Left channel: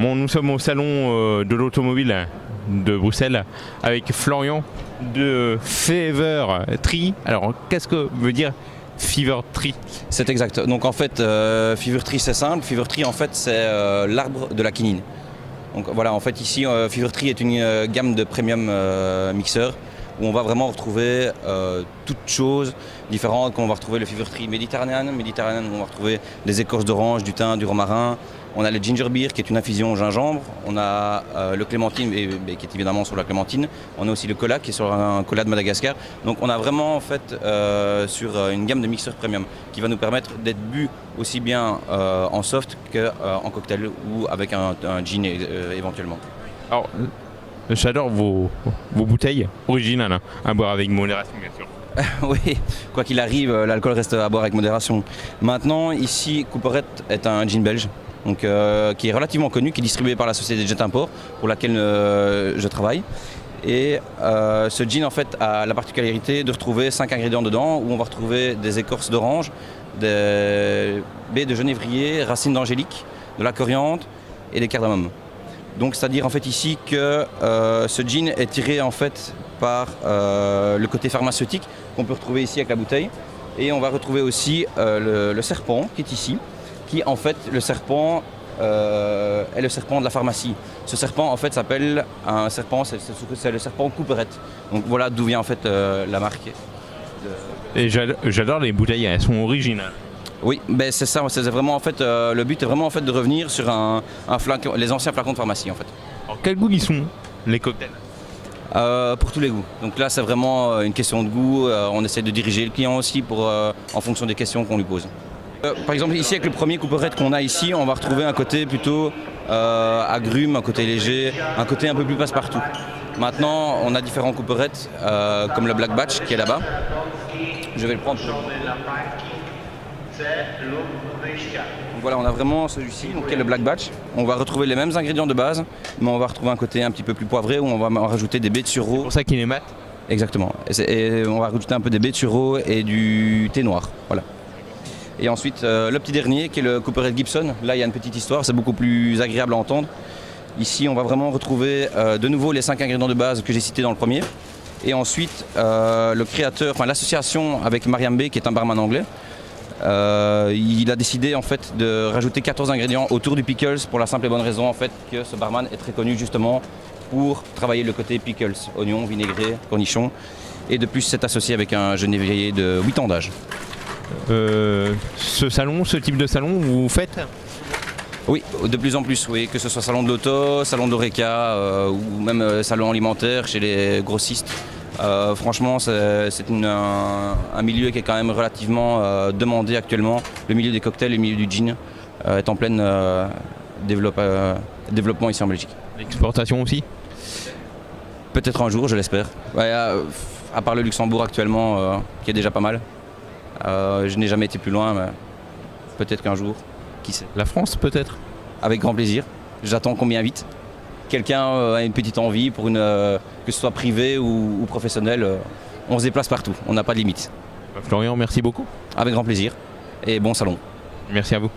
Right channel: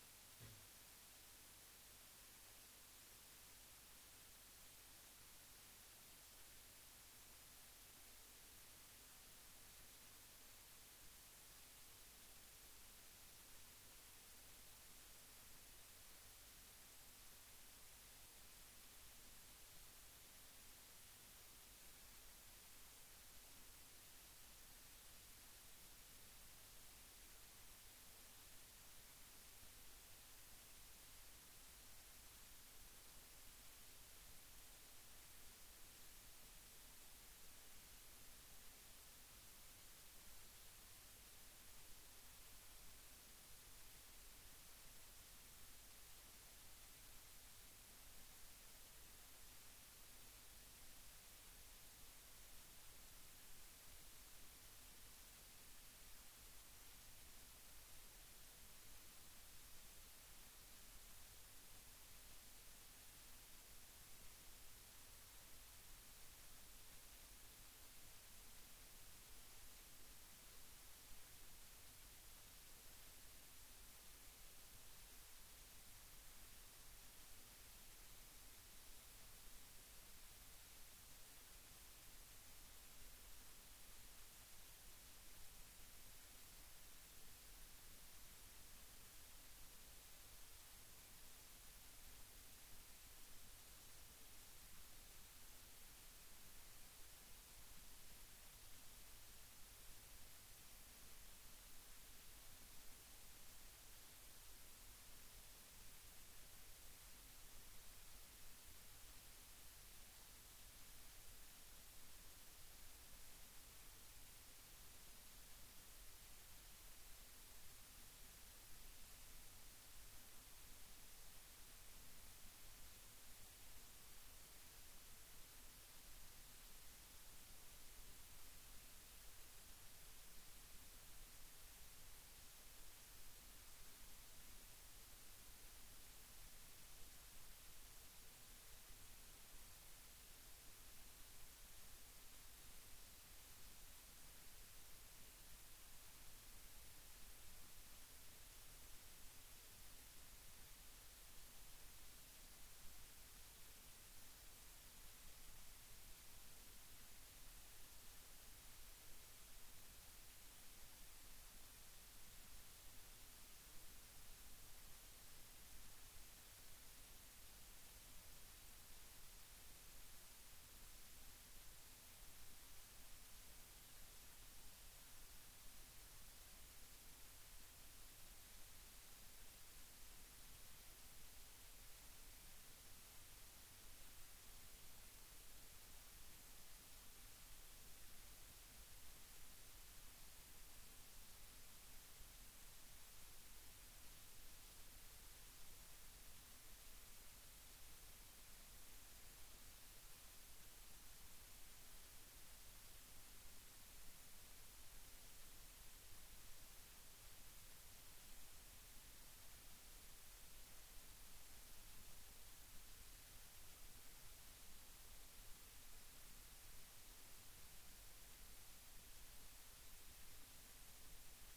Bon, nous sommes au salon de l'automobile de Bruxelles avec Florian de Fever Tree. Alors, qu'est-ce que veut dire Fever Tree? C'est exact. Donc en fait, Fever Tree c'est simple. Fever Tree en fait c'est l'arbre de la quinine. Donc voilà, en fait ici Fever Tree est une gamme de premium mixeurs où on va vraiment retrouver toutes choses différentes. On va retrouver le Fever Tree méditerranéen, où on va retrouver des écorces d'orange, du thym, du romarin. On a le ginger beer qui est une infusion au gingembre. On a le clémentine qui est évidemment sur la clémentine. On a aussi le cola qui est sur un cola de Madagascar. Donc on a vraiment en fait sur une gamme de mixeurs premium qui va nous permettre d'être bu aussi bien en soft qu'en cocktail ou avec un gin éventuellement. Alors, j'adore vos bouteilles originales, hein, à boire avec modération bien sûr. Oui, quoi qu'il arrive, l'alcool reste à boire avec modération. Maintenant, ici, Couperet est un gin belge. Donc, qui est relativement connu, qui est distribué par la société Jet Import, pour laquelle je travaille. Et ce gin en fait a la particularité de retrouver 5 ingrédients dedans, où on va retrouver des écorces d'orange, des baies de genévrier, racines d'angélique, de la coriandre et des cardamomes. Donc c'est-à-dire en fait ici que ce gin est tiré en fait par le côté pharmaceutique qu'on peut retrouver ici avec la bouteille. Et on va retrouver aussi le serpent qui est ici, qui en fait le serpent est le serpent de la pharmacie. Ce serpent en fait s'appelle un serpent, c'est le serpent Couperet. Donc voilà d'où vient en fait la marque. Et j'adore les bouteilles, elles sont originales. Oui, ben c'est ça, c'est vraiment en fait le but est vraiment en fait de revenir sur les anciens flacons de pharmacie en fait. Alors quel goût ils sont les cocktails? Pour tous les goûts. Donc là c'est vraiment une question de goût, on essaie de diriger le client aussi en fonction des questions qu'on lui pose. Par exemple ici avec le premier Couperet qu'on a ici, on va retrouver un côté plutôt agrume, un côté léger, un côté un peu plus passe-partout. Maintenant on a différents Couperet comme le Black Batch qui est là-bas. Je vais le prendre. Donc voilà, on a vraiment celui-ci, qui est le Black Batch. On va retrouver les mêmes ingrédients de base, mais on va retrouver un côté un petit peu plus poivré où on va rajouter des baies de sureau. C'est pour ça qu'il est mat. Exactement. Et on va rajouter un peu des baies de sureau et du thé noir. Voilà. Et ensuite, le petit dernier qui est le Couperet Gibson. Là, il y a une petite histoire, c'est beaucoup plus agréable à entendre. Ici, on va vraiment retrouver de nouveau les 5 ingrédients de base que j'ai cités dans le premier. Et ensuite, le créateur, l'association avec Mariam B, qui est un barman anglais, il a décidé en fait de rajouter 14 ingrédients autour du pickles pour la simple et bonne raison en fait que ce barman est très connu justement pour travailler le côté pickles, oignons, vinaigrés, cornichons, et de plus c'est associé avec un genévrier de 8 ans d'âge. Ce type de salon, vous faites? Oui, de plus en plus, oui, que ce soit salon de l'auto, salon d'Oreca ou même salon alimentaire chez les grossistes. Franchement, c'est un milieu qui est quand même relativement demandé actuellement. Le milieu des cocktails, le milieu du gin est en plein développement ici en Belgique. L'exportation aussi? Peut-être un jour, je l'espère. Ouais, à part le Luxembourg actuellement, qui est déjà pas mal. Je n'ai jamais été plus loin, mais peut-être qu'un jour, qui sait. La France peut-être? Avec grand plaisir. J'attends qu'on m'y invite. Quelqu'un a une petite envie, que ce soit privé ou professionnel, on se déplace partout, on n'a pas de limite. Florian, merci beaucoup. Avec grand plaisir et bon salon. Merci à vous.